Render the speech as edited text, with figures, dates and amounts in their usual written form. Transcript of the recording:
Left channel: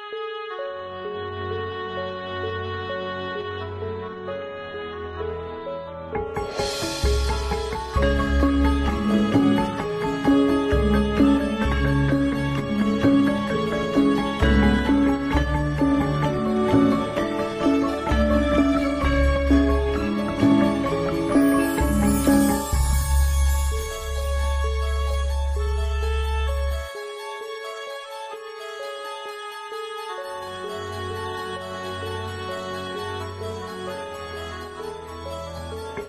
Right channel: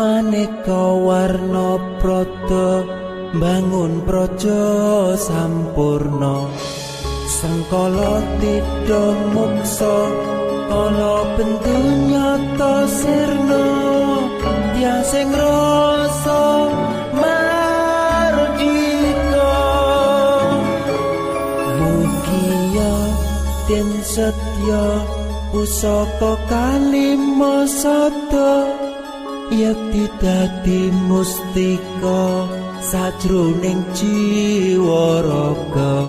maneka warna prada bangun praja sampurna sangkala tidha muksa ana bentuk nyata sirna yang sing rasa mardika mugia den setya pusaka kalima sada yekti dadi mustika sajroning jiwa raga.